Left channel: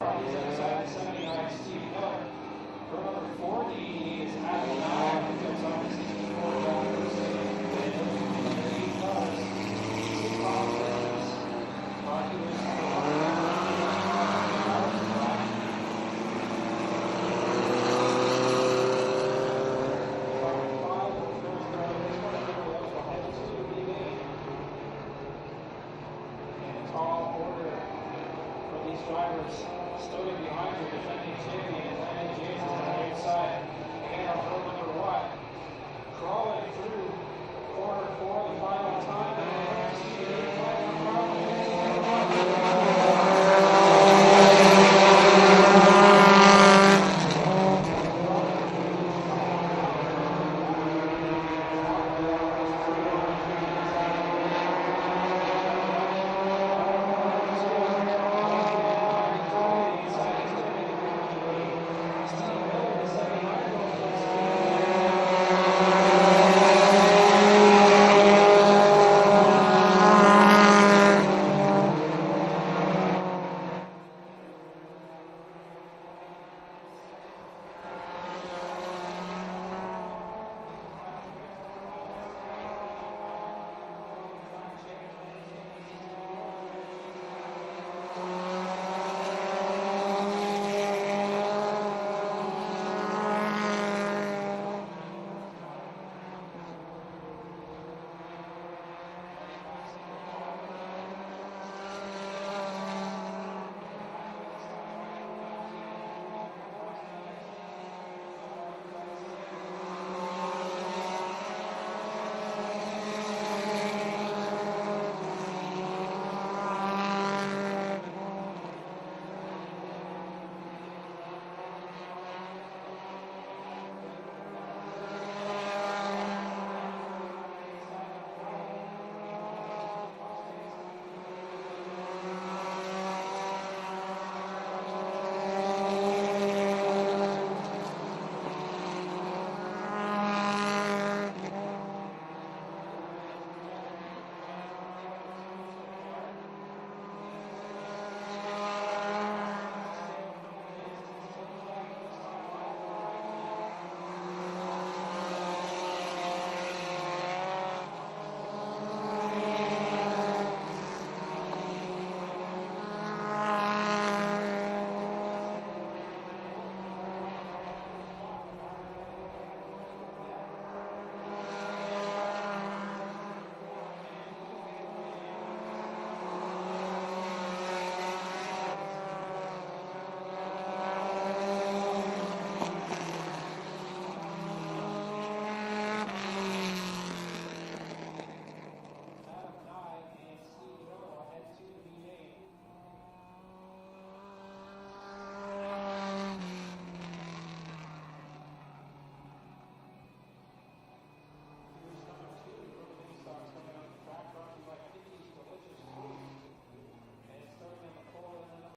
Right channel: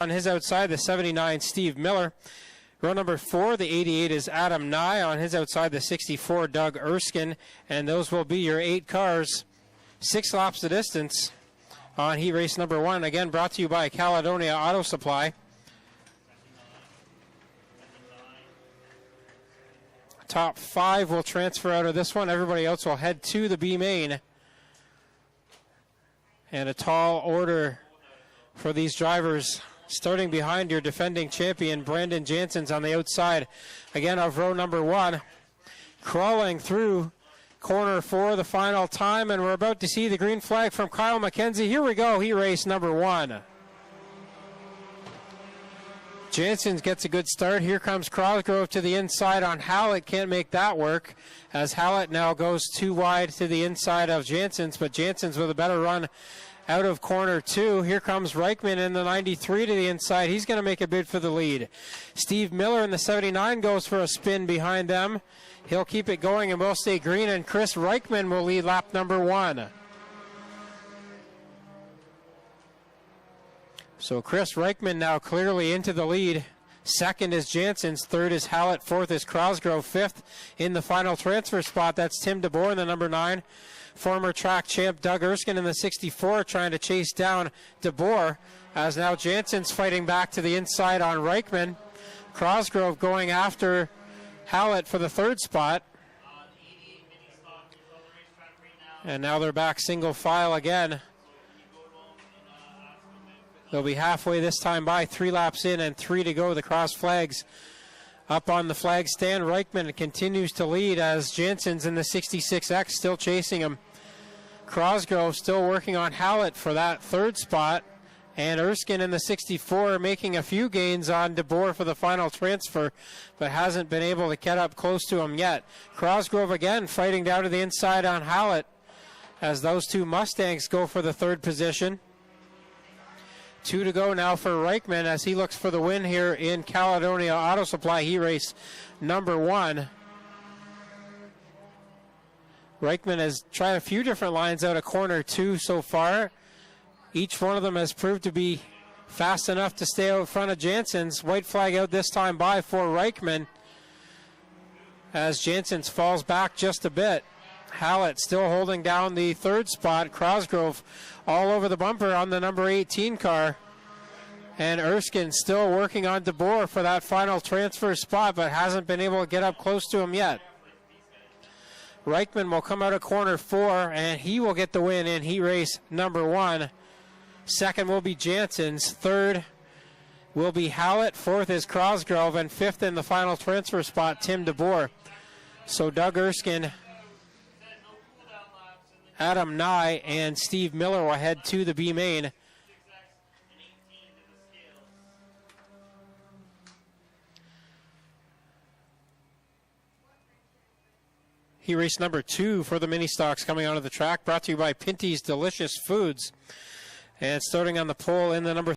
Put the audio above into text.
On his outside, the 79, Steve Miller. Row number 4, the 88 is Adam Nye. On his outside, the 64, Doug Erskine. And those will be your 8 cars. 6 laps the distance on heat race number 1. Again, brought to you by Caledonia Auto Supply. Top 5 will transfer out of this one. Everybody else will head to the B main. And a tall order for these drivers. Starting behind your defending champion, Brandon Jansen's on the outside, again of row number 1. Crawling through corner 4, the final time, and we're about to see the green flag from Kyle McKenzie. Here we go, he raced number 1. Jansen gets a good start. Here comes Crosgrove to the inside on Hallett. Can't make that work, as Hallett now goes too wide to the inside of Jansen's, but Jansen's with a better run out of corner 2. Here comes Reichman in the 93 to the inside. He's going to make a bid for the lead. Steve Miller in the 79 goes for a spin behind them. They'll keep it going in mostly green, and Chris Reichman will be lap number 1. So Chris Reichman now clearly into the lead. Second is Jansen's, third is Hallett, fourth is Crosgrove, fifth in the final transfer spot. That's Tim DeBoer in the number 9. Former track champ Doug Erskine in the 64 trying to chase down DeBoer, as now Jansen's fighting back to the inside on Reichman. Crosgrove going after Hallett for the 3rd spot. And now they're back single file again. They'll be halfway this time by, 3 laps in and 3 to go. The cross flags up on the flag stand. Reichman continues to lead as Jansen's in the 66X still chasing him. Crosgrove still working on Hallett for that 3rd spot. And Erskine in the 64 making a few gains on DeBoer for the final transfer, but hasn't been able to get up close to him yet. Crosgrove again fighting down to the inside on Hallett as those 2 Mustangs go for the 3rd position. 2 to go now for Reichman as he looks for the win here in Caledonia Auto Supply. He raced number 1. Reichman has tried a few different lines out of corner 2 so far. Each one of them has proved to be fast enough to stay out in front of Jansen's. White flag out this time by for Reichman as Jansen's falls back just a bit. Hallett still holding down the 3rd spot. Crosgrove all over the bumper on the number 18 car. And Erskine still working on DeBoer for that final transfer spot, but hasn't been able to get up close to him yet. Reichman will come out of corner 4, and he will get the win in heat race number 1. Second will be Jansen's. 3rd will be Hallett. 4th is Crosgrove, and 5th in the final transfer spot, Tim DeBoer. So Doug Erskine, Adam Nye, and Steve Miller will head to the B main. He raced number 2 for the Ministocks coming onto the track, brought to you by Pinty's Delicious Foods. And starting on the pole in the number